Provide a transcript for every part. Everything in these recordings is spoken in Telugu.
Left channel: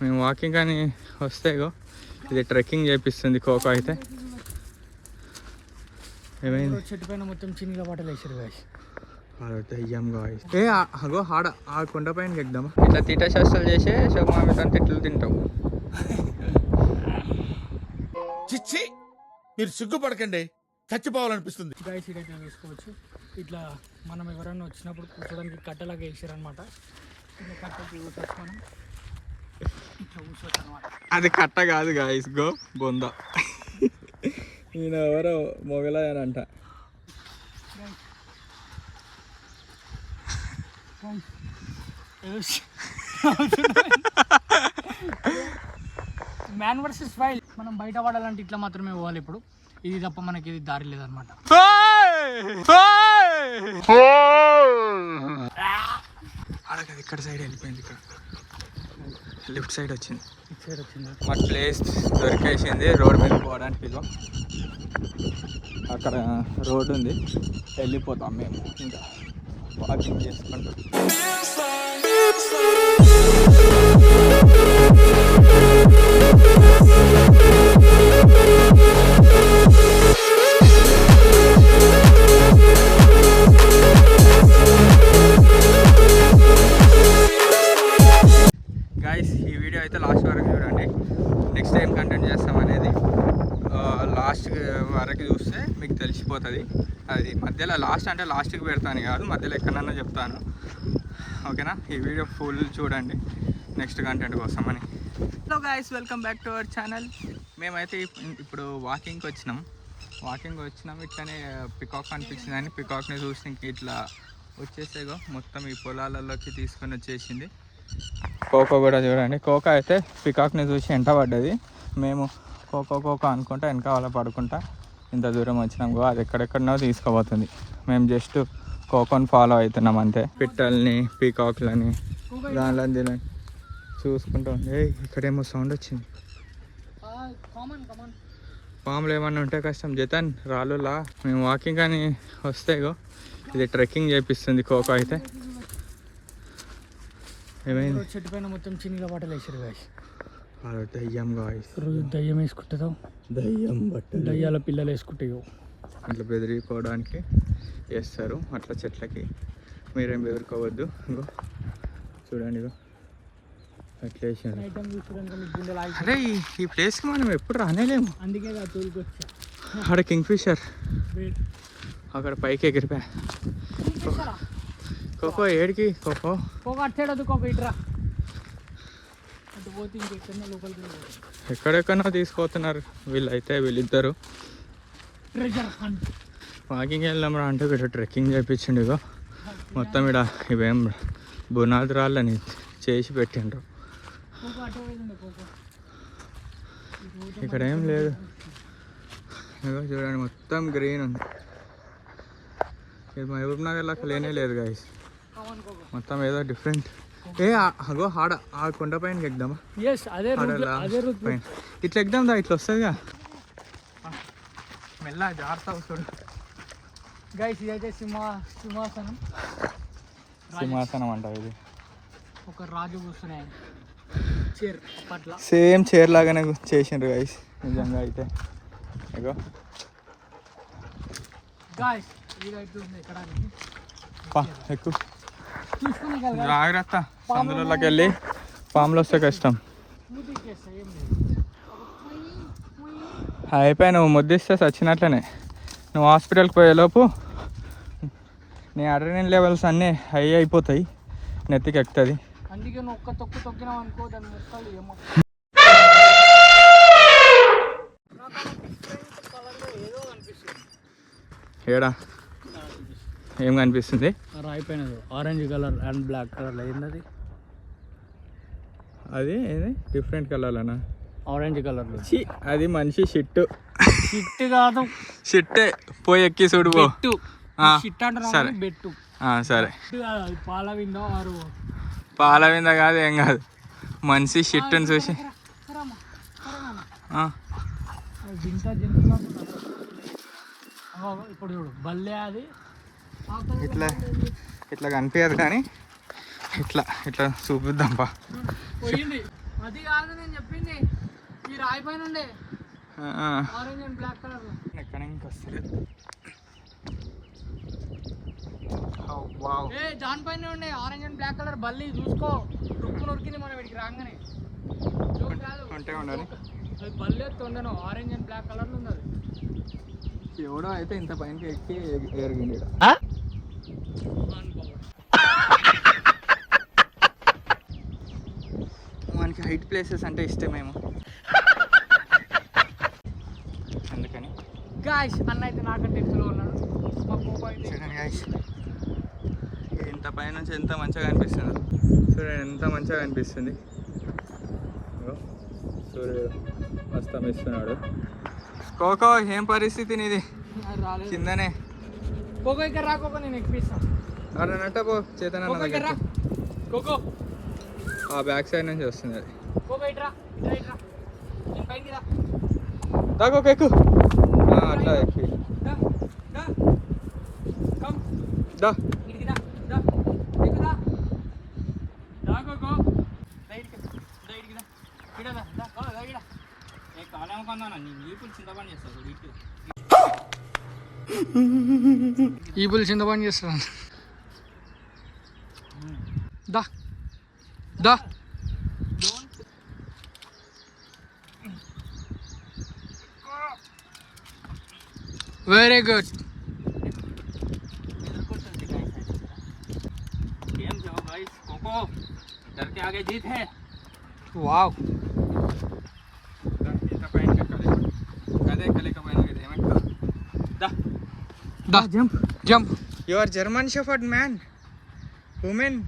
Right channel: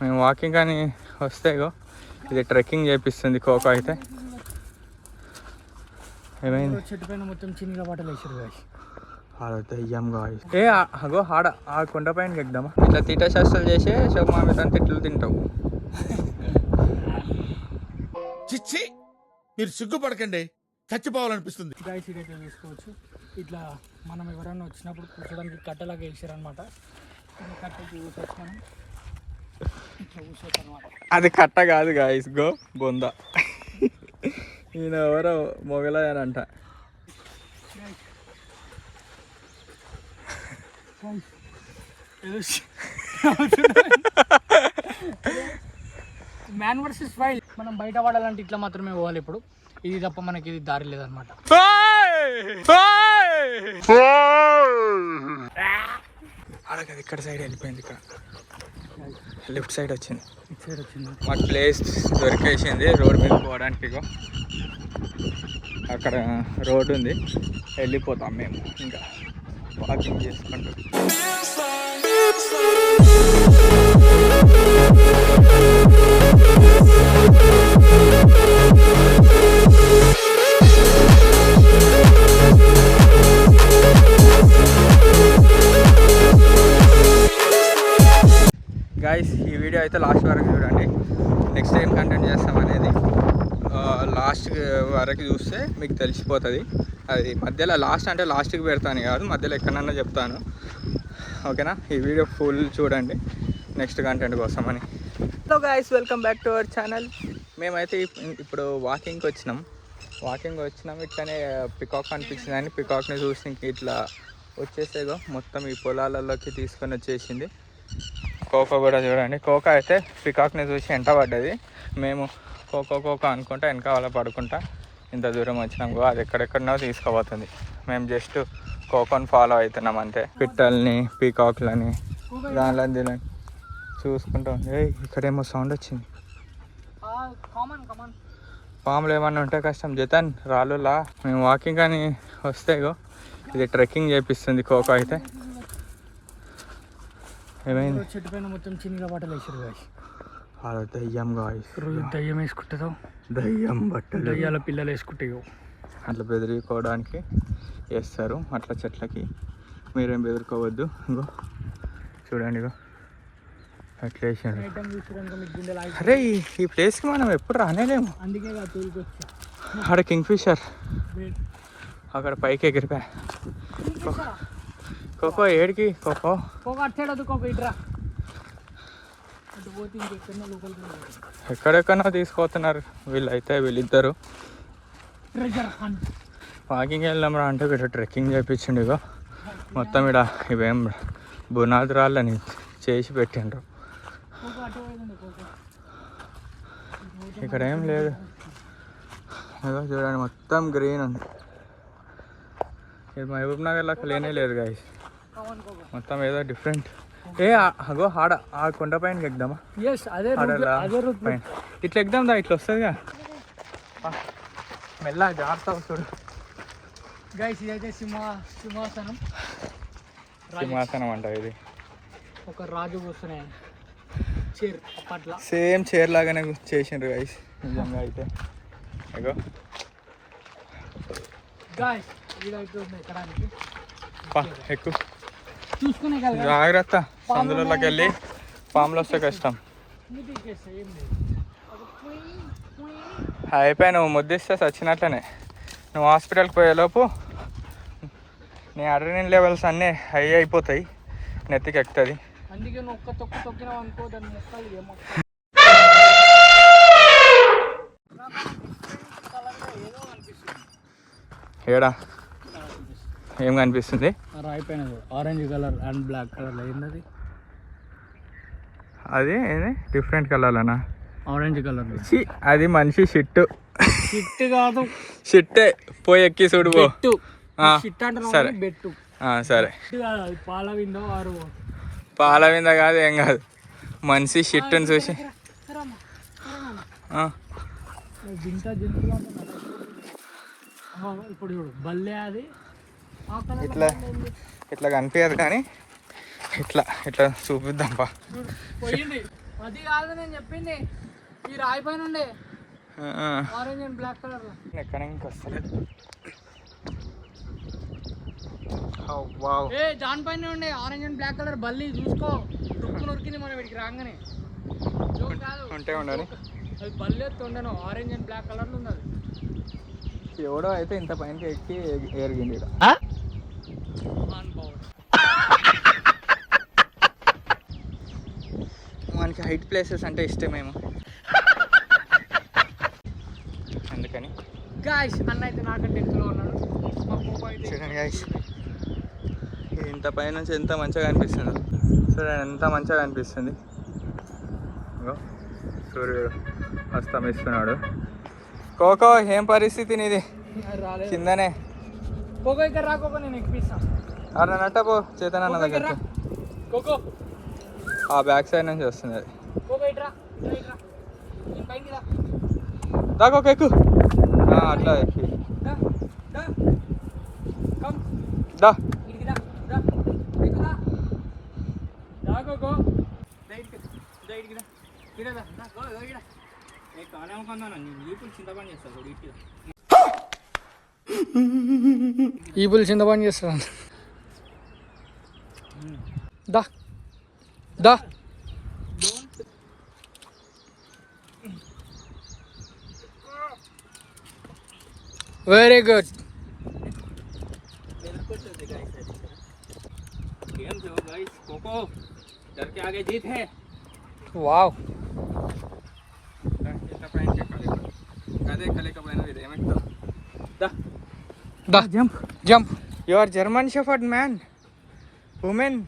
మేము వాకింగ్ అని వస్తే ఇది ట్రెక్కింగ్ చేపిస్తుంది కోకో అయితే. ఏమైంది? చెట్టు పైన మొత్తం చిన్నగా బట్టలు వేసారు దయ్యం గాయస్. అగో ఆడ ఆ కొండ పైనకి ఎక్కుదామా? ఇట్లా తీట శాస్త్రాలు చేసే శోభమామితో తిట్లు తింటావు. చిచ్చి, మీరు సిగ్గుపడకండి, చచ్చిపోవాలనిపిస్తుంది. గాయస్ ఇదైతే వేసుకోవచ్చు. ఇట్లా మనం ఎవరైనా వచ్చినప్పుడు కూర్చోడానికి కట్టలాగా వేసారనమాట. కట్టకి కూర్చోవచ్చు మనం, ఇట్లా కూర్చోవచ్చు అనమాట. అది కట్ట కాదు గాయస్, బొంద. ఈయన ఎవరో మొగలయ్యానంట. Man versus wild. మనం బయట పడాలంటే ఇట్లా మాత్రమే పోవాలి. ఇప్పుడు ఇది తప్ప మనకి ఇది దారి లేదనమాట. ఇక్కడ సైడ్ వెళ్ళిపోయింది, ఇక్కడ లెఫ్ట్ సైడ్ వచ్చింది. మాకు ప్లేస్ దొరికేసింది రోడ్ మీద పోవడానికి. అక్కడ రోడ్ ఉంది, వెళ్ళిపోతాం మేము ఇంకా వాకింగ్ చేసుకుంటూ. గాయస్ ఈ వీడియో అయితే లాస్ట్ వరకు చూడండి. నెక్స్ట్ టైం కంటెంట్ చేస్తాం అనేది లాస్ట్ వరకు చూస్తే మీకు తెలిసిపోతుంది. అది మధ్యలో లాస్ట్ అంటే లాస్ట్కి పెడతాను కాదు, మధ్యలో ఎక్కడన్నా చెప్తాను. ఓకేనా? ఈ వీడియో ఫుల్ చూడండి నెక్స్ట్ కంటెంట్ కోసం అని. Hello guys, welcome back to our channel. మేమైతే ఇప్పుడు వాకింగ్కి వచ్చినాం. ఇట్లనే పికాక్ అనిపించిందని పికాక్ని చూసి ఇట్లా వచ్చేసేగో మొత్తం ఈ పొలాలలోకి తీసుకొని వచ్చేసింది. కోకో కూడా చూడండి. కోకో అయితే పికాక్ని చూసి వెంట పడ్డది. మేము కోకో అనుకుంటా వెనకాల పడుకుంటా ఇంత దూరం వచ్చినాం. అది ఎక్కడెక్కడనో తీసుకుపోతుంది. మేము జస్ట్ కోకోని ఫాలో అవుతున్నాం అంతే. పిట్టల్ని, పీకాక్లని, దానిలో చూసుకుంటాం. ఇక్కడేమో సౌండ్ వచ్చింది. పాములు ఏమన్నా ఉంటే కష్టం. జతన్ రాళ్ళులా. మేము వాకింగ్ అని వస్తే ఇది ట్రెక్కింగ్ చేపిస్తుంది కోకో అయితే. ఏమైంది? చెట్టు పైన మొత్తం చిన్నగా బట్టలు వేసారు దయ్యం గాయస్. దయ్యం వేసుకుంటుందో, దయ్యం బట్టలు దయ్యాల పిల్లలు వేసుకుంటాయో అట్లా బెదిరికోవడానికి వేస్తారు అట్లా చెట్లకి. మీరేం బెదిరికోవద్దు. చూడండి అట్లా వేసాడు. అరే ఈ ప్లేస్కి మనం ఎప్పుడు రానేలేము. అందుకే అక్కడ కింగ్ ఫిషర్ అక్కడ పైకి ఎగిరిపోయా. కోకో ఏడికి? కోకో అట్టాడు. కోకో ఇట్రా. ఎక్కడెక్కడో తీసుకుపోతున్నారు వీళ్ళిద్దరు. వాకింగ్ వెళ్దాం రా అంటే వీడు ట్రెక్కింగ్ చేయించండి. మొత్తం ఇక్కడ ఇవేం బునాది రాళ్ళని చేసి పెట్టిండ్రు. ఇక్కడ ఏం లేదు. చూడండి మొత్తం గ్రీన్ ఉంది. మహబూబ్ నగర్ లాగా లేనే లేదు గాయస్. మొత్తం ఏదో డిఫరెంట్. అగో ఆడ ఆ కొండ పైనకి ఎక్కుదామా? పైన ఇట్లా ఎక్కుదాం దా, ఇట్లా వస్తుందిగా. మెల్ల జాగ్రత్త చూడు గైస్. ఇదైతే సింహాసనం అంట. ఇది ఒక రాజు కూర్చునే చైర్. అప్పట్లో సేమ్ చైర్ లాగానే చేసిండ్రు గైస్ నిజంగా అయితే. ఇగో గైస్ వీడైతే ఉంది ఎక్కడానికి. ఎక్కువ జాగ్రత్త, సందులోకి వెళ్ళి పాములు వస్తే కష్టం. అయిపోయి నువ్వు ముద్దిస్తే చచ్చినట్లనే. నువ్వు హాస్పిటల్కి పోయేలోపు నీ అడ్రినల్ లెవెల్స్ అన్నీ హై అయిపోతాయి, నెత్తికి ఎక్కుతుంది. అందుకే నువ్వు ఒక్క తొక్కినావు అనుకో, దాని మొక్కలు ఏమో ఏడా ఏం కనిపిస్తుంది? రాయి పైన orange colour and black colour ఏంటది? అది ఏది డిఫరెంట్ కలర్లనా? Orange colour. అది మనిషి షిట్టు. షిట్ కాదు, షిట్టే. పోయి ఎక్కి చూడు. సరే బెట్టు. సరే పాల వింద కాదు, ఏం కాదు. మనిషి షిట్టుని చూసి ఇప్పుడు చూడు బల్లే. అది ఇట్లా ఇట్లా కనిపించదు కానీ ఇట్లా ఇట్లా చూపిద్దాం పా. అది కాదు నేను చెప్పింది, ఈ రాయి పైన ఉండే ఆరెంజ్ అండ్ బ్లాక్ కలర్ లో. ఎక్కడ ఇంకా వస్తలేదు. ఏ దాని పైన ఉండే ఆరెంజ్ అండ్ బ్లాక్ కలర్ బల్లి, చూసుకో నొరికింది మనం వీడికి రాగానే. ఉంటే ఉండను, అది బల్లి ఉండను, ఆరెంజ్ అండ్ బ్లాక్ కలర్ లో ఉంది అది. ఎవడో అయితే ఇంత పైనకి ఎక్కి ఎరిగింది. మనకి హైట్ ప్లేసెస్ అంటే ఇష్టమేమో, అందుకని గాయ్స్ అన్న అయితే నాకంటే ఎక్కువ ఉన్నాడు. చూడండి గాయ్స్, ఇంత పైనుంచి ఎంత మంచిగా అనిపిస్తుందో చూడండి, ఎంత మంచిగా అనిపిస్తుంది. సూర్యుడు అస్తమిస్తున్నాడు. కోకో ఏం పరిస్థితి నీది? రాలేదు కిందనే కోకో, ఇక్కడ రా కోకో, నేను ఎక్కిస్తాను. అలా నట్టపో చేతన దగ్గర. కోకో ఆ బ్యాక్ సైడ్ నుంచి వస్తుంది అది. కోకో ఇట్రా, ఇట్రా ఇట్రా, నేను పైకి రా. దాకోక ఎక్కు, అట్లా ఎక్కి దా దా కమ్ దా. ఇడికి దా దా ఎక్కు దా దా కోకో, దా ఇడికి దా, ఇడికి దా ఇడ దా దా గో దా ఇడ. ఏ కాలం కొందానా నీ ఈపులు చింతపండు చేస్తావు చూడు, ఇటు ఈపులు చింతపండు చేస్తాను. దా దా వెరీ గుడ్. వావ్, దా jump jump. You are German shepherd man, women.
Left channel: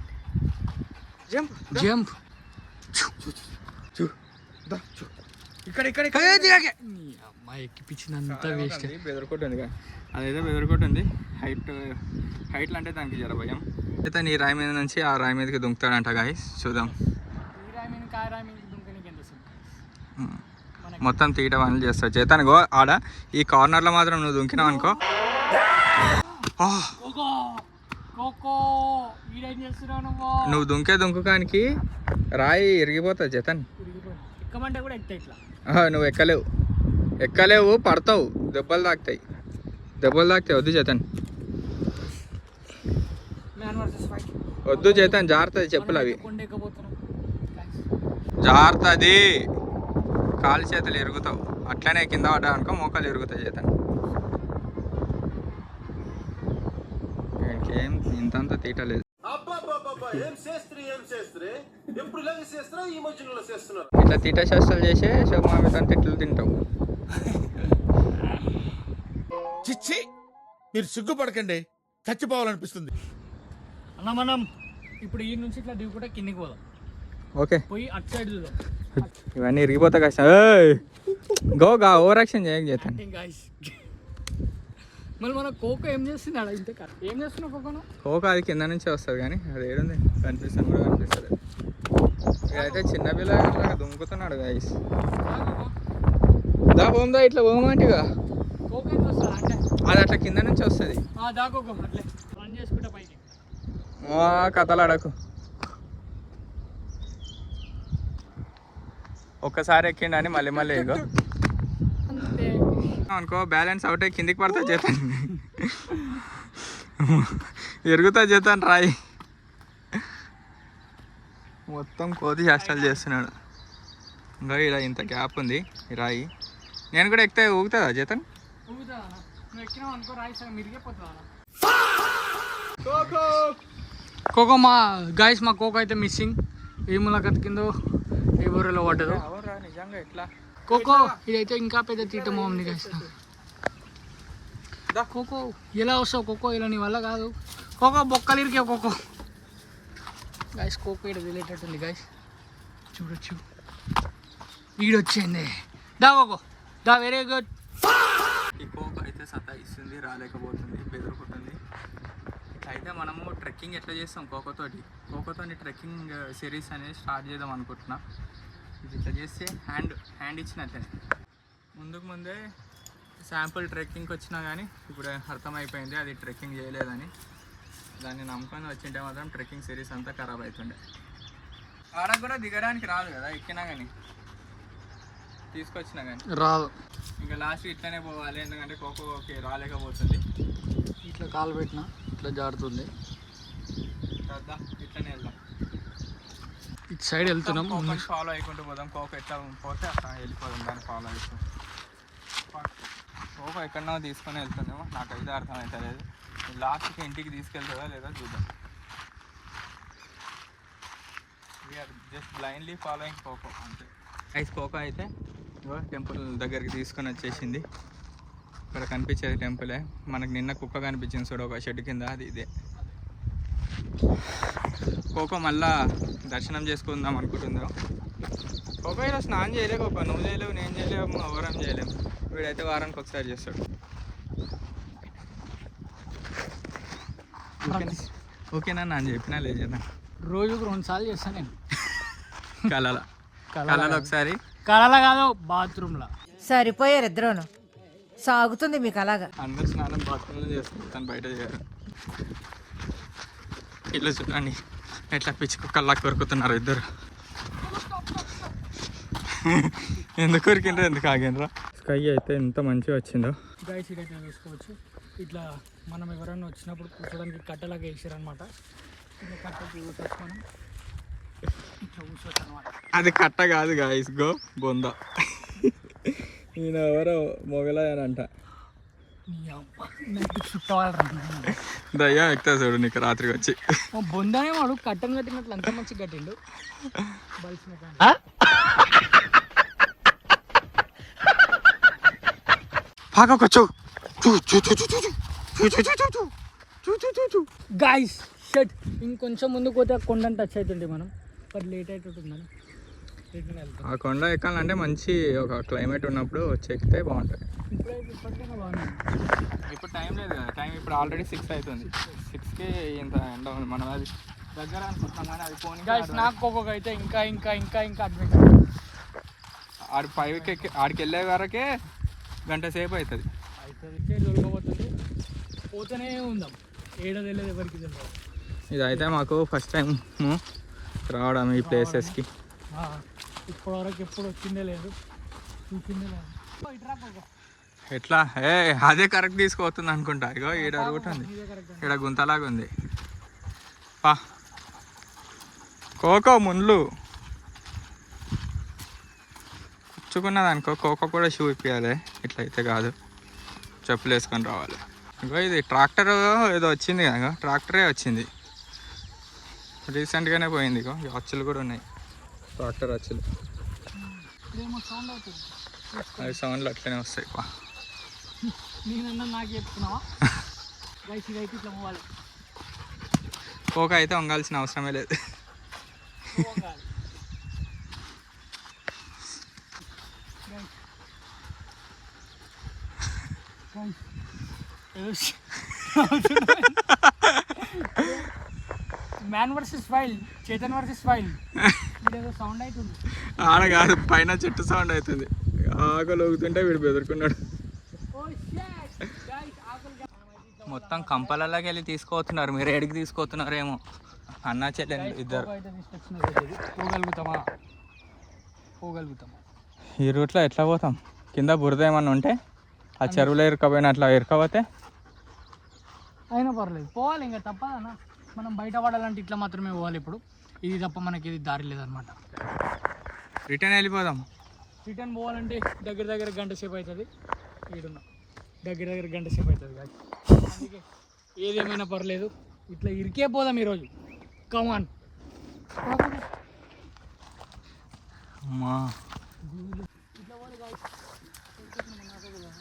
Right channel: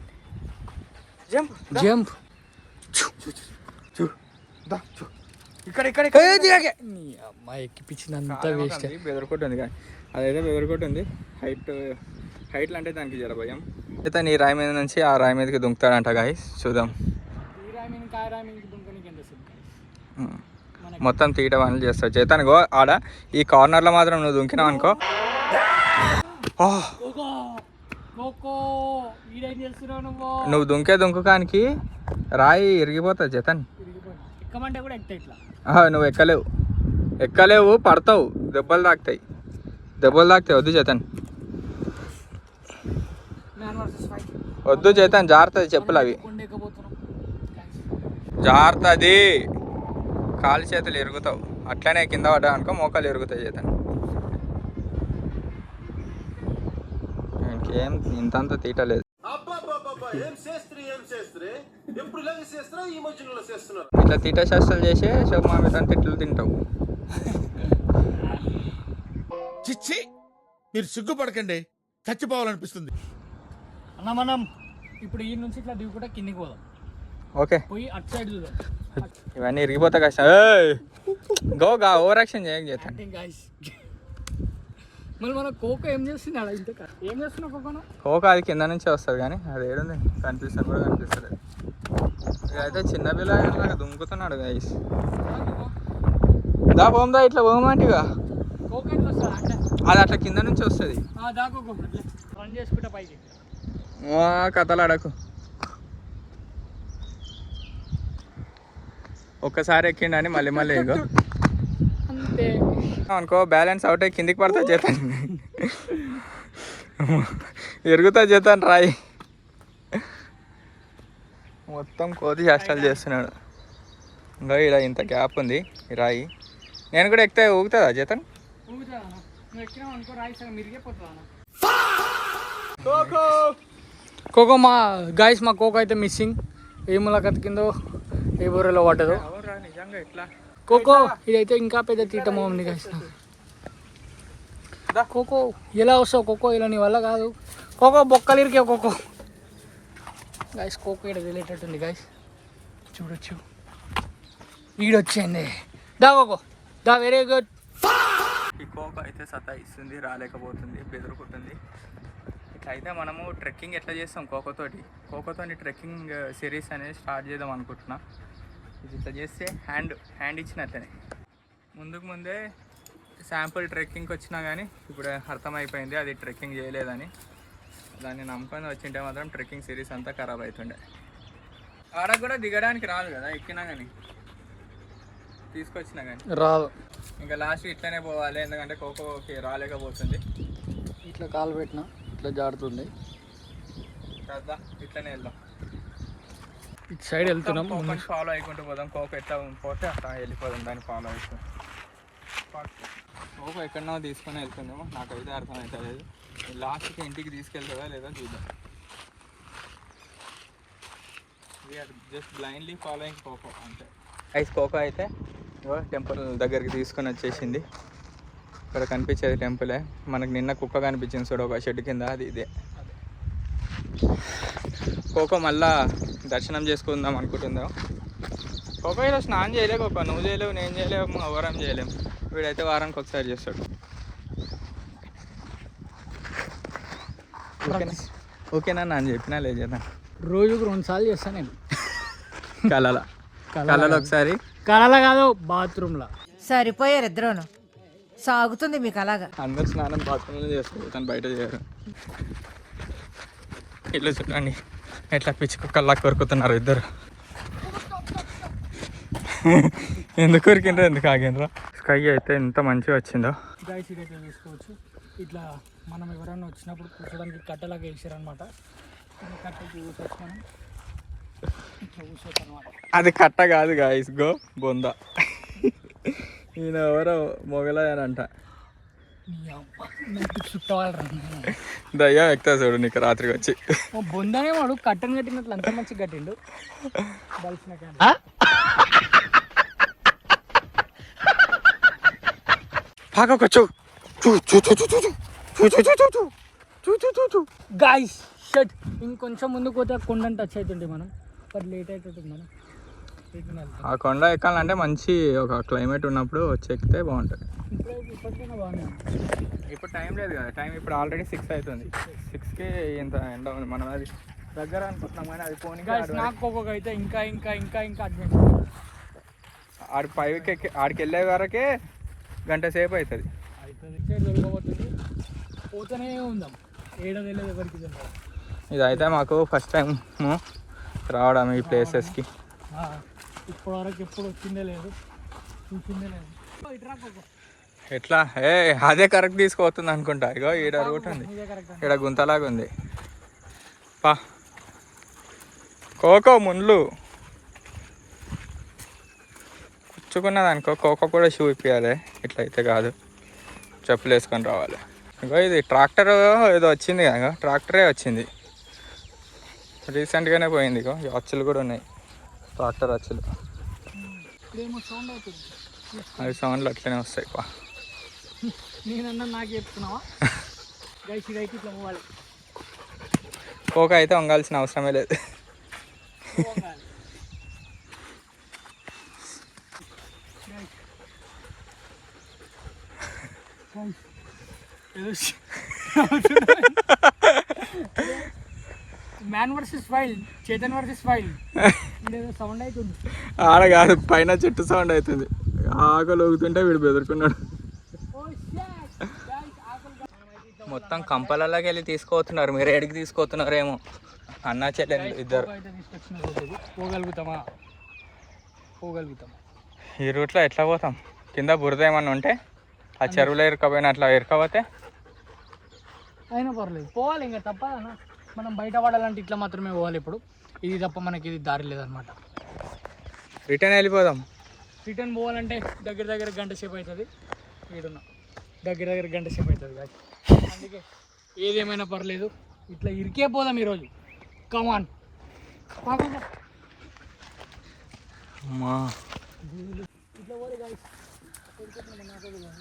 Jump jump. ఇక్కడ ఇక్కడ నీ అమ్మాయి ఎక్కిపించినంత వేస్ట్. బెదరకొట్టుంది కానీ అదైతే బెదరకొట్టుంది. హైట్లు అంటే దానికి జర భయం. అయితే నీ రాయి మీద నుంచి ఆ రాయి మీదకి దుంకుతాడంట గాయ్స్, చూద్దాం. ఈ రాయి మీద ఆ రాయి మీద దుంకనికి ఎంత సేపు? మొత్తం తీట పనులు చేస్తావు చేతాను. గో ఆడ ఈ కార్నర్లో మాత్రం నువ్వు దుంకినావు అనుకో. నువ్వు దుంకే దుంకుకానికి రాయి ఇరిగిపోతుంది చేతన్. ఎక్కమంటే కూడా ఎక్కుతాయి ఇట్లా. నువ్వు ఎక్కలేవు, పడతావు, దెబ్బలు తాకుతాయి. వద్దు చేతన్, వద్దు చేతన్, జారుతుంది చెప్పులు అవి, జారుతుంది. కాలు చేతులు ఎరుగుతావు. అట్లనే కింద పడ్డా అనుకో మోకాలు ఎరుగుతాయి చేతన్. ఇంకేం ఇంతంత తీయటలేదు. ఇట్లా తీట శాస్త్రాలు చేసే శవమామిటని తిట్లు తింటావు. చిచ్చి, మీరు సిగ్గుపడకండి, చచ్చిపోవాలనిపిస్తుంది. అన్న మనం ఇప్పుడు ఈ నుంచి ఇట్లా దిగుకుంటా కిందికి పోదాం. ఓకే, పోయి అటు సైడ్ చూద్దాం. ఇవన్నీ ఇరిగిపోతా కష్టం. గోగా ఓవర్ యాక్షన్ చేస్తాను. మళ్ళీ మన కోకో ఏం చేస్తున్నాడు? ఇంతే ఏం చేస్తున్నా కోకోనా? కోక అది కింద నుంచే వస్తుంది కానీ అది ఏడుంది కనిపిస్తుంది కూడా కనిపిస్తుంది. ఇదైతే చిన్నపిల్ల దుంకుతున్నాడు గైస్. దా పోందా, ఇట్లా పోమంటిగా. కోకో ఎట్లా వస్తుంది అంటే అది అట్లా కింద నుంచి వస్తుంది. దా కోకో అట్లే రన్ చేసుకుంటా పైకి. కథలు అడకు. ఒక్కసారి ఎక్కిండని మళ్ళీ ఇగో అంతే అనుకో, బ్యాలెన్స్ అవుట్ అయ్యి కిందికి పడతా చేతాను, ఎరుగుతా చేతాను రాయి. మొత్తం కోతి చేష్టాలు చేస్తున్నాడు. ఇంకా ఇలా ఇంత గ్యాప్ ఉంది ఈ రాయి. నేను కూడా ఎక్కితే ఊగుతుందా చేతన్? ఊగుతుందా? నువ్వు ఎక్కినావు అనుకో రాయి సగం మిరిగిపోతుందా? కోకో మా గాయస్, మా కోకో అయితే మిస్సింగ్. ఏ ములాఖత్ కిందో ఏ బూరలో పట్టదు. నిజంగా ఇట్లా కోకో ఇదైతే ఇంకా పెద్ద తీటమో ఉంది గాయస్. కోకో ఎలా వస్తావు కోకో? ఇలా నీ వల్ల కాదు కోకో, బొక్కలు ఇరికే కోకో. గాయస్ కోకో ఇక్కడ తెలియటట్టుంది గాయస్, చూడొచ్చు. ఈడొచ్చింది. దా కోకో దా, వెరీ గుడ్. ఈ కోకో అయితే సతాయిస్తుంది, రాలేకపోతుంది, బెదురుకుంటుంది. ఇట్లా అయితే మనము ట్రెక్కింగ్ ఎట్లా చేస్తాం కోకోతో ట్రెక్కింగ్ సిరీస్ అనేది స్టార్ట్ చేద్దాం అనుకుంటున్నా. ఇది ఇట్లా చేస్తే హ్యాండ్ ఇచ్చినట్లనే. ముందే శాంపుల్ ట్రెక్కింగ్కి వచ్చినా కానీ ఇప్పుడు అర్థమైపోయింది అది ట్రెక్కింగ్ చేయలేదని. దాన్ని నమ్ముకొని వచ్చింటే మాత్రం ట్రెక్కింగ్ సిరీస్ అంతా ఖరాబ్ అవుతుండే. ఆడకు కూడా దిగడానికి రాదు కదా, ఎక్కినా కానీ తీసుకొచ్చినా కానీ రాదు. ఇంకా లాస్ట్ ఇట్లనే పోవాలి, ఎందుకంటే కోకోకి రాలేకపోతుంది. ఇట్లా కాలు పెట్టినా ఇట్లా జారుతుంది. కదా ఇట్లనే వెళ్దాం, ఇటు సైడ్ వెళ్తున్నాం. కోకోని ఫాలో అయికుంటూ పోదాం. కోకో ఎట్లా పోతే అట్లా వెళ్ళిపోదాం దాన్ని ఫాలో అవుతూ. కోకో ఎక్కడన్నా తీసుకొని వెళ్తుందేమో, నాకైతే అర్థమవుతలేదు. లాస్ట్కి ఇంటికి తీసుకెళ్తుందా లేదా చూద్దాం. జస్ట్ బ్లైండ్లీ ఫాలోయింగ్ కోకో అంతే. ఐస్ కోకో అయితే టెంపుల్ దగ్గరికి తీసుకొని వచ్చేసింది. ఇక్కడ కనిపించేది టెంపులే. మనకు నిన్న కుక్క కనిపించింది చూడు ఒక షెడ్ కింద, అది ఇదే. కోకో మళ్ళా దర్శనం చేసుకుందాం అనుకుంటుందా. కోకో ఈరోజు స్నానం చేయలే. కోకో నువ్వు చేయలేవు, నేను చేయలేము, ఎవరం చేయలేము. వీడైతే వారానికి ఒకసారి చేస్తాడు. ఓకేనా అని చెప్పినా లేదు చేద్దాం. రోజుకు 2 సార్లు చేస్తాను నేను. కళలో ఒకసారి, కళలో కాదు బాత్రూమ్లో. సరిపోయారు ఇద్దరును, సాగుతుంది మీకు అలాగా. అందరు స్నానం బాత్రూంలో చేసుకుంటాను, బయట చేయరు. ఇట్లా చూడండి ఎట్లా పిచ్చి కుక్కల్లా కొరుకుతున్నారు ఇద్దరు. ఎందుకు కొరికిండ్రో, ఎందుకు ఆగిండ్రో. స్కై అయితే ఎంత మంచిగా వచ్చిందో. గైస్ ఇట్లా చూసుకోవచ్చు. ఇట్లా మనం ఎవరైనా వచ్చినప్పుడు కూర్చోడానికి కట్టెలాగా వేసారనమాట. ఇట్లా కట్టెకి కూర్చోవచ్చు మనం, ఇట్లా కూర్చోవచ్చు అనమాట. అది కట్ట కాదు గాయస్, గో బొంద. ఈయన ఎవరో మొగలయనంట. దయ్యం ఎక్కుతా చూడు నీకు రాత్రికి వచ్చి. బొందనే వాడు కట్టెను కట్టినట్లు అంత మంచి కట్టిండు. గాయ్స్ షట్, ఇంకొంచెం ముందుకు పోతే కొండని టచ్ అవుతుండే మనం, బట్ లేట్ అవుతుంది మనం. ఆ కొండ ఎక్కాలంటే మంచి ఒక క్లైమేట్ ఉన్నప్పుడు వచ్చి ఎక్కితే బాగుంటుంది. ఇప్పటికైనా బాగుంది. ఇప్పుడు టైం లేదు కదా, టైం ఇప్పుడు ఆల్రెడీ 6 అవుతుంది. 6కి ఇంత ఎండ ఉంది. మనం అది దగ్గర అనుకుంటున్నాం కానీ అది పోనీ నాకు అయితే ఇంకా ఇంకా ఇంకా ఇంకా అడ్వెంచర్. ఆడి పైకి ఆడికి వెళ్ళే వరకే గంట సేపు అవుతుంది. దొరకబోతుంది, పోతూనే ఉందాం. ఏడాది వెళ్ళేది ఎవరికి తెలియదు. ఇదైతే మాకు ఫస్ట్ టైం రావడం ఈ ప్లేసెస్కి. ఇప్పటివరకు ఎప్పుడు వచ్చిందే లేదు, చూసిందే లేదు. ఎట్లా అదే కరెక్ట్ తీసుకుపోతుంది అనుకుంటా. ఇగో ఈడ రూట్ ఉంది, ఈడ గుంతలాగా ఉంది. పా కోకో ముండ్లు కూర్చుకున్నది అనుకో, కోకో కూడా షూ ఇప్పించాలి. ఇట్లయితే కాదు, చెప్పులు వేసుకొని రావాలి. ఇంకో ఇది ట్రాక్టర్ ఏదో వచ్చింది కదా, ట్రాక్టరే వచ్చింది రీసెంట్గానే పోయింది. ఇగో అచ్చులు కూడా ఉన్నాయి, ట్రాక్టర్ అచ్చులు. అవి సౌండ్లు అట్లనే వస్తాయి. పా నేనన్నా నాకు చెప్తున్నావా? ఇదైతే ఇట్లా పోవాలి. కోక అయితే వంగాల్సిన అవసరమే లేదు. Man versus wild, Chetan versus wild. Sound అవుతుంది ఆడ కాదు, పైన చెట్టు సౌండ్ అవుతుంది. ఆకలి ఊగుతుంటే వీడు బెదురుకున్నాడు. మొత్తం కంపలలోకి వెళ్ళి తీసుకుపోతున్నారు. మీరు ఎడికి తీసుకుపోతున్నారేమో, అన్నా చెల్లెలు ఇద్దరు. పోగలుగుతామా? ఈ రూట్లో ఎట్లా పోతాం? కింద బురద ఏమన్నా ఉంటే ఆ చెరువులో ఇరుకపోయిన అట్లా ఇరుకపోతే అయినా పర్లేదు, పోవాలి. ఇంకా తప్పదన్నా, మనం బయట పడాలంటే ఇట్లా మాత్రమే పోవాలి. ఇప్పుడు ఇది తప్ప మనకి ఇది దారి లేదనమాట. రిటర్న్ వెళ్ళిపోదాం. రిటర్న్ పోవాలంటే దగ్గర గంట సేపు అవుతుంది. ఈడున్న దగ్గర గంట సేపు అవుతుంది కాదు. అందుకే ఏదేమైనా పర్లేదు, ఇట్లా ఇరికే పోదాం ఈరోజు. కమాన్.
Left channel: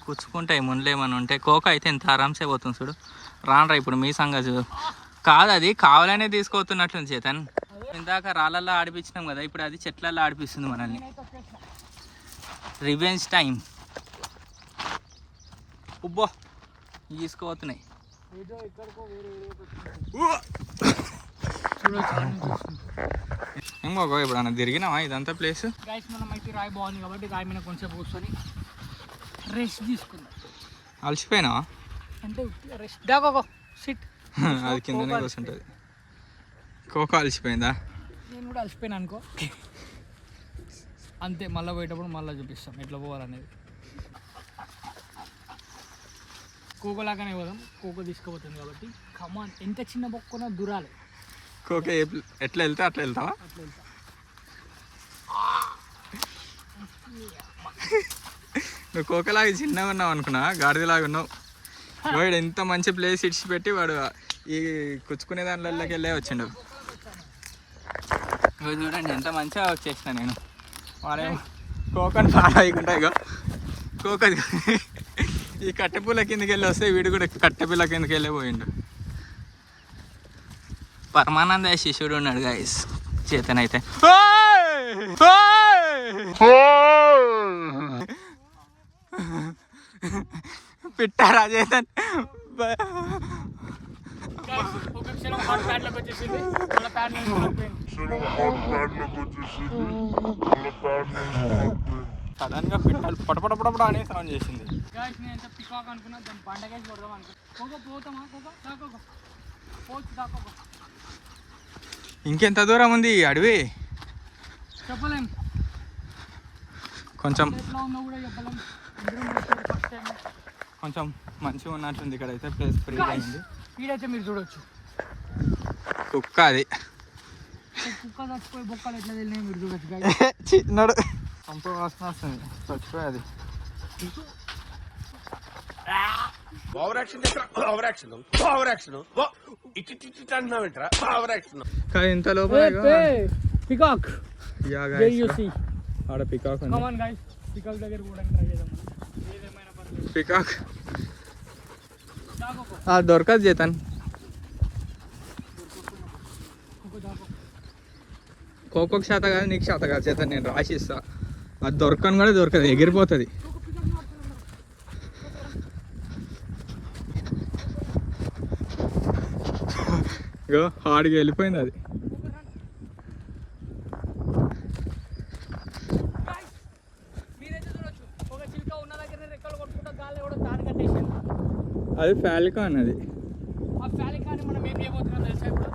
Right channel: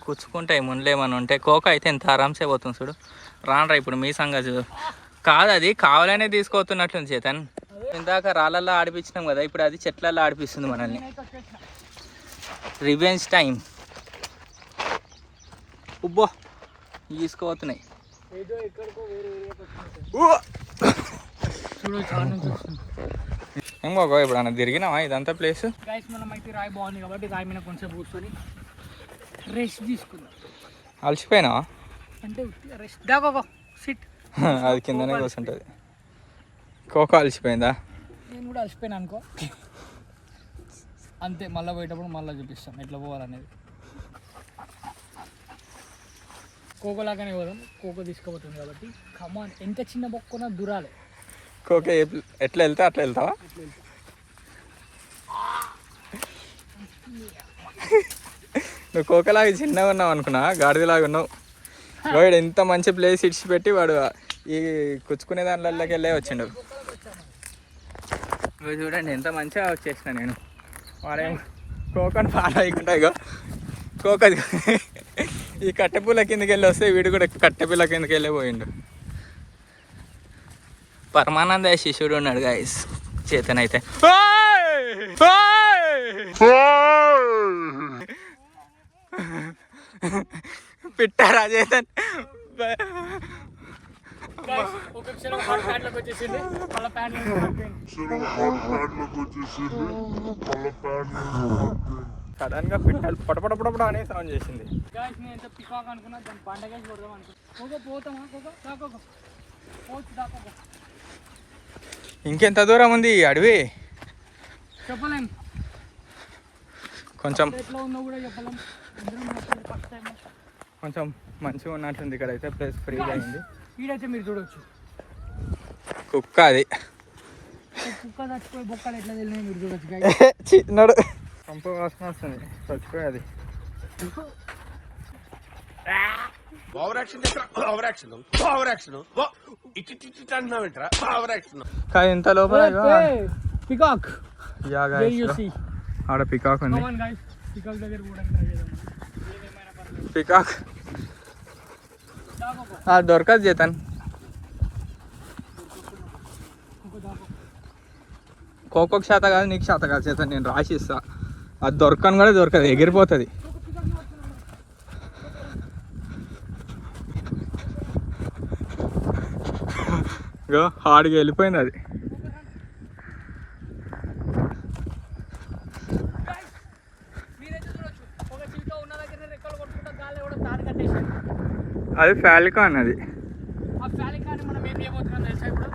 కూర్చుకుంటాయి ముందులేమని ఉంటే. కోక అయితే ఎంత ఆరామ్సే పోతుంది చూడు. రానరా ఇప్పుడు మీ సంగతి కాదు, అది కావాలనే తీసుకోతున్నట్టుంది చేతన్. ఇందాక రాళ్ళల్లో ఆడిపించినాం కదా, ఇప్పుడు అది చెట్లల్లో ఆడిపిస్తుంది మనల్ని. Revenge time. ఉబ్బో తీసుకోతున్నాయి. ఏమో ఇప్పుడు అన్న తిరిగినావా ఇదంతా ప్లేస్? గైస్ మనం అయితే రాయి బాగుంది కాబట్టి రాయి మీద కొంచెం కూర్చొని రెస్ట్ తీసుకుందాం. అలసిపోయినావా? అంటే రెస్ట్ దాకా సిట్. అది కిందనే కూర్చుంటుంది. కోకో అలసిపోయిందా? నేను కూడా అలసిపోయాను అనుకో, అంతే. మళ్ళీ పోయేటప్పుడు మళ్ళీ చూపిస్తాం ఎట్లా పోవాలనేది. కోకో లాగానే పోదాం, కోకో తీసుకుపోతుంది కాబట్టి. కమాన్, ఎంత చిన్న బొక్కున్నా దూరాలి. కోకే ఎట్లా వెళ్తా అట్లా వెళ్తావా? అట్లా వెళ్తా. నువ్వు కోకలాగా చిన్నగా ఉన్నావు అనుకున్నా, గాడిదలాగా ఉన్నావు. వాడు ఎంత మంచి ప్లేస్ ఇడిచిపెట్టి వాడు ఈ కుచ్చుకునే దాంట్లోకి వెళ్ళే వచ్చిండు. ఇవి చూడండి ఎంత మంచిగా వచ్చేసిన నేను. వాడేమో కోకని ఫాలో అయ్యకుండా ఇగో కోక ఈ కట్టెపుల్ల కిందకి వెళ్ళి వస్తే వీడు కూడా కట్టెపుల్ల కిందకి వెళ్ళి పోయిండు. పరమానంద శిష్యుడు ఉన్నాడు గాయస్ చేతన్ అయితే. పిట్టారా చేతన్. ఒక క్షణం హాట్ ప్యాడ్లోకి వచ్చేసింది, వాళ్ళ ప్యాడ్ సడన్ గా పిట్టలు పడపడపడ అనే సౌండ్ చేసింది. నేను పికాక్ అనుకున్నా, దాన్ని పండగేసి కొడదాం అనుకున్నా. పోతామా? దాకోకో పోవచ్చు, దాకోకో. ఇంకెంత దూరం ఉంది ఈ అడవి? చెప్పలేం, కొంచెం ఎట్లా ఉందో కూడా చెప్పలేం. ఫస్ట్ టైం కొంచెం మంచిగా ఉన్నట్టుంది. ఇక్కడ అయితే ప్లేస్ ఫ్రీగా అయింది. ఈడైతే మీరు చూడొచ్చు కుక్క అది. కుక్క చచ్చిపోయి బొక్కలు ఎట్లా తెలినాయి మీరు చూడొచ్చు. చిన్నడు పంప వాసన వస్తుంది, చచ్చిపోయి అది. కానీ ఇంత లోపల పికాక్ ఆడ పికాక్ ఉంది. పికాక్ దగ్గర కూడా ట్రై చేద్దాం, ఏదేమైనా పర్లేదు. పికాక్ దొరకదు చేతన్. కోకోకి శాత కాదు, నీకు శాత కాదు చేతన్. నేను రాసిస్తా, అది దొరకను కూడా దొరకదు, ఎగిరిపోతుంది. ఇగో హాడిగా వెళ్ళిపోయింది అది. అది ఫాల్కాన్. అది ఆ ఫాల్కాన్ మనం ఏం చేయబోతున్నాం తెలుసా? ఇప్పుడు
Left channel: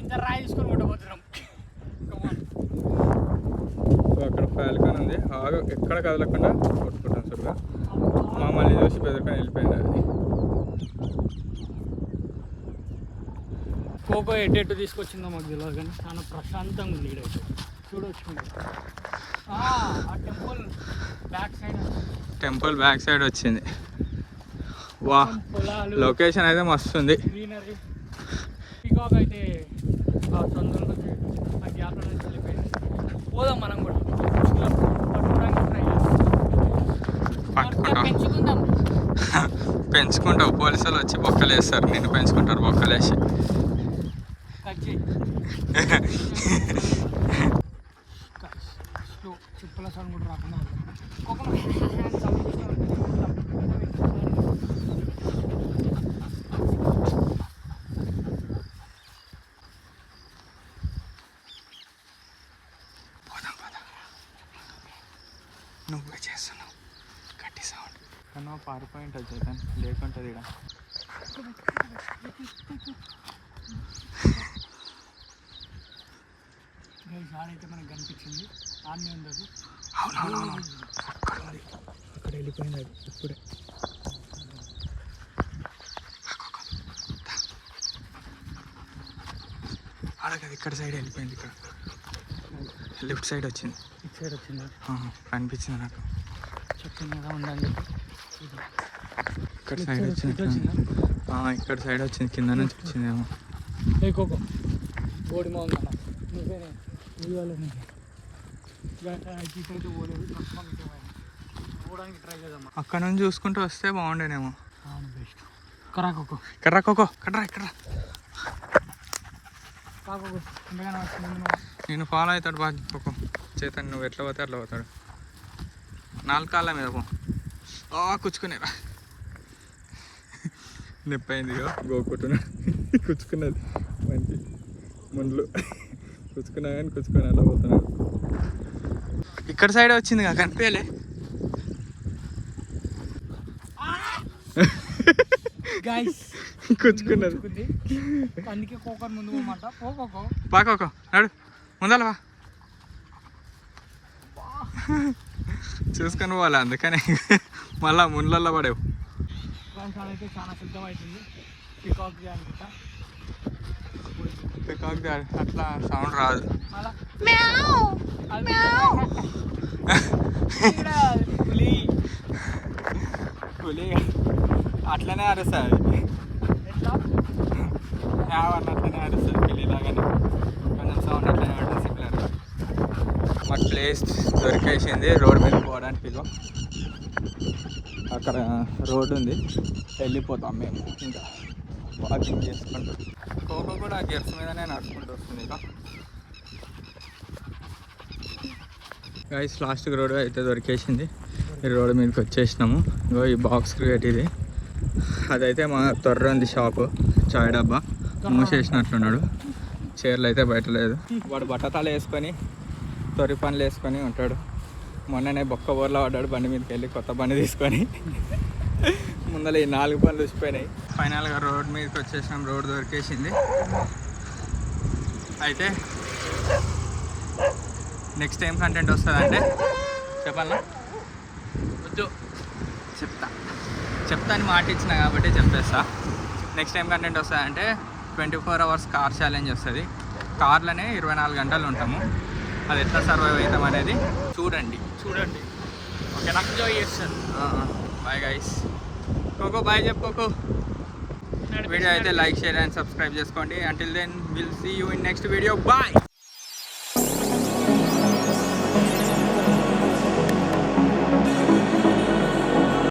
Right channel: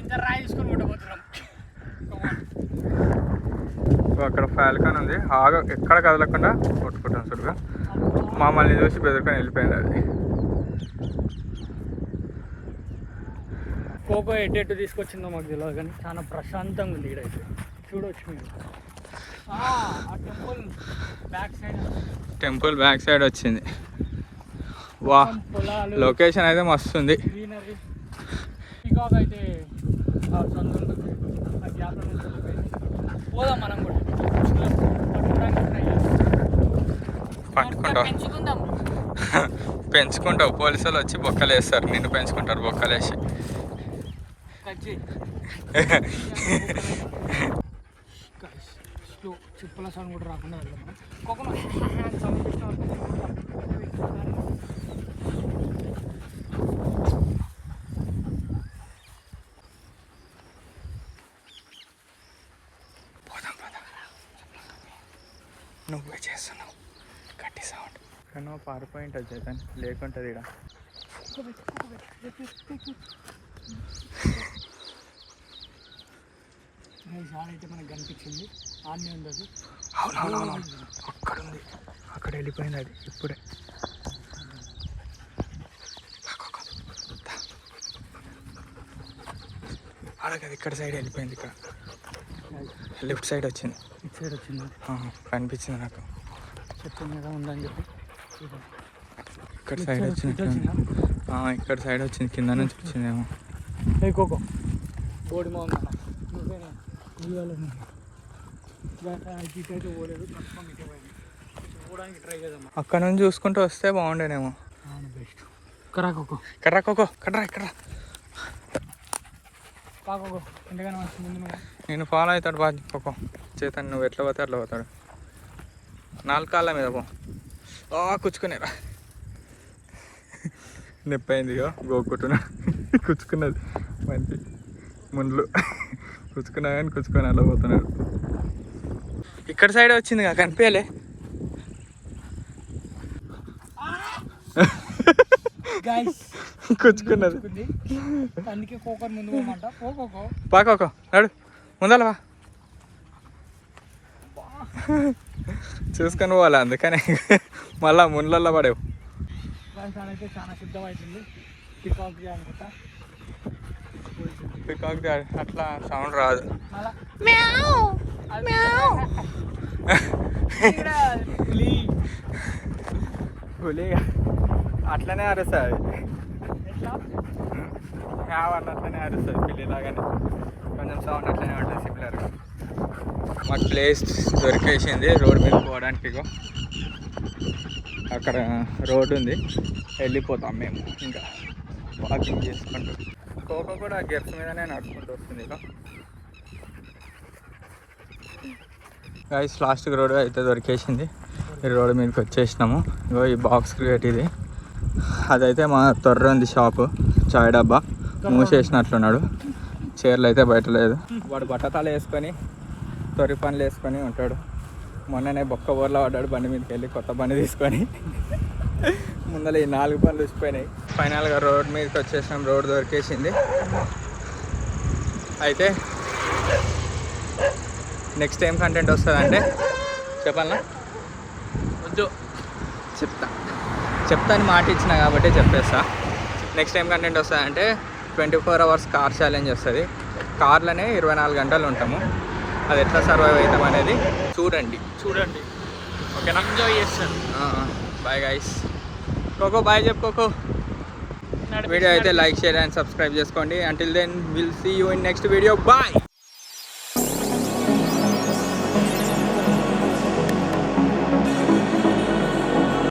ఇంత రాయి తీసుకొని కొట్టబోతున్నాం. అక్కడ ఫాల్కాన్ ఉంది, ఆగా ఎక్కడ కదలకుండా కొట్టుకుంటాం. చూడగా మమ్మల్ని చూసి బెదరుకొని వెళ్ళిపోయింది అది. కోకో ఎటు తీసుకొచ్చిందో మాకు తెలియదు, కానీ చాలా ప్రశాంతంగా ఉంది ఇక్కడైతే. చూడవచ్చు మీరు. ఆ temple back side, temple back side వచ్చింది. వా, పొలాలు, లొకేషన్ అయితే మస్తు ఉంది. గ్రీనరీ. పికాక్ అయితే ఆ సొంతంలోకి ఆ గ్యాప్లో నుంచి వెళ్ళిపోయింది. పోదాం మనం కూడా, పట్టుకోవడానికి ట్రై పట్టుకుంటాం. పెంచుకుందాం. పెంచుకుంటావు, పోలీసులు వచ్చి బొక్కలు వేస్తారు, నిన్ను పెంచుకుంటారు బొక్కలు వేసి. స్లో చిప్పుల సౌండ్ కూడా రాకుండా వెళ్దాం మనం. కోకోనట్ సౌండ్ నువ్వే చేస్తున్నావు గట్టి సౌండ్. కానీ పారిపోయి ఉంటుంది చేతన్, లేకుంటుంది ఇక్కడ. ఆడైతే మనకు కనిపించింది, ఆడనే ఉంది అది. అవునవునవును, అక్కడ వెళ్ళిపోయింది అది ఇప్పుడే. అలాగది ఇక్కడ సైడ్ వెళ్ళిపోయింది, ఇక్కడ లెఫ్ట్ సైడ్ వచ్చింది. ఇటు సైడ్ వచ్చింది, కనిపించింది నాకు. చెట్టు మీద ఉందని చెప్పి ఇక్కడ సైడ్ వచ్చింది. ఇక్కడ సైడ్ వచ్చింది, కింద నుంచి వచ్చిందేమో. కోకో ఓడి బాగుంది. అక్కడ నుంచి చూసుకుంటూ వస్తే బాగుండేనేమో. బెస్ట్. కర్రా కోకో, కర్రా కోకో, కర్రా ఇక్కడ. కాకోకో ఎంతగానో వచ్చింది. నేను ఫాలో అవుతాడు బాగా కోకో. చేతన్ నువ్వు ఎట్లా పోతే అట్లా పోతాడు. 4 కాళ్ళ మీద పో. కుచ్చుకునేరా, నొప్పి అయిందిగా గోకుంటున్నా. కుచ్చుకున్నది మంచి ముండ్లు, కుచ్చుకున్నా కానీ కుచ్చుకొని అలా పోతున్నాడు. ఇక్కడ సైడ్ వచ్చింది కదా, కనిపించలే. కుచ్చుకున్నది, అందుకే కోకో ముందు పోమంట. కోకో పాకోకో నడు. ముందలవా చూసుకొని పోవాలి, అందుకనే మళ్ళా ముండ్లల్లో పడేవు. అయితే చాలా శుద్ధమవుతుంది. పికాక్ అనుకుంటా, పికాక్ అట్లా సౌండ్ రాదు. పులి అట్లనే అరుస్తుంది, అట్లనే అరుస్తుంది పిల్లిలాగానే, కొంచెం సౌండ్ అట్లనే ఉంటుంది సిమిలర్. మాకు ప్లేస్ దొరికేసింది రోడ్ మీద పోవడానికి. ఇగో అక్కడ రోడ్ ఉంది, వెళ్ళిపోతాం మేము ఇంకా వాకింగ్ చేసుకుంటూ. కోకో కూడా గెట్స్ మీదనే నడుచుకుంటూ వస్తుంది. ఇక గైస్ లాస్ట్కి రోడ్ అయితే దొరికేసింది. ఈ రోడ్ మీదకి వచ్చేసినాము. ఇగో ఈ బాక్స్ క్రియేట్ ఇది, అదైతే మా తొర్ర ఉంది షాపు, చాయ్ డబ్బా మూసేసినట్లున్నాడు. చీరలు అయితే బయట లేదు. వాడు బట్టతాలు వేసుకొని తొరి పనులు వేసుకొని ఉంటాడు. మొన్ననే బొక్క ఊర్లో పడ్డాడు, బండి మీదకి వెళ్ళి కొత్త బండి తీసుకొని. ముందర ఈ 4 పనులు వచ్చిపోయినాయి. ఫైనల్గా రోడ్ మీదకి వచ్చేసాం, రోడ్ దొరికేసింది. అయితే నెక్స్ట్ ఏం కంటెంట్ వస్తుందంటే చెప్పాలా, చెప్తాను మాట ఇచ్చిన కాబట్టి చెప్పేస్తా. నెక్స్ట్ ఏం కంటెంట్ వస్తుందంటే 24 hours కార్ ఛాలెంజ్ వస్తుంది. కార్లోనే 24 గంటలు ఉంటాము. అది ఎట్లా సర్వైవ్ అవుతాం అనేది చూడండి. ఓకేనా, ఎంజాయ్ చేస్తాను. Bye guys. కోకో బాయ్ చెప్పుకో. వీడియో అయితే లైక్, షేర్ అండ్ సబ్స్క్రైబ్ చేసుకోండి. Until then will see you in next video. Bye.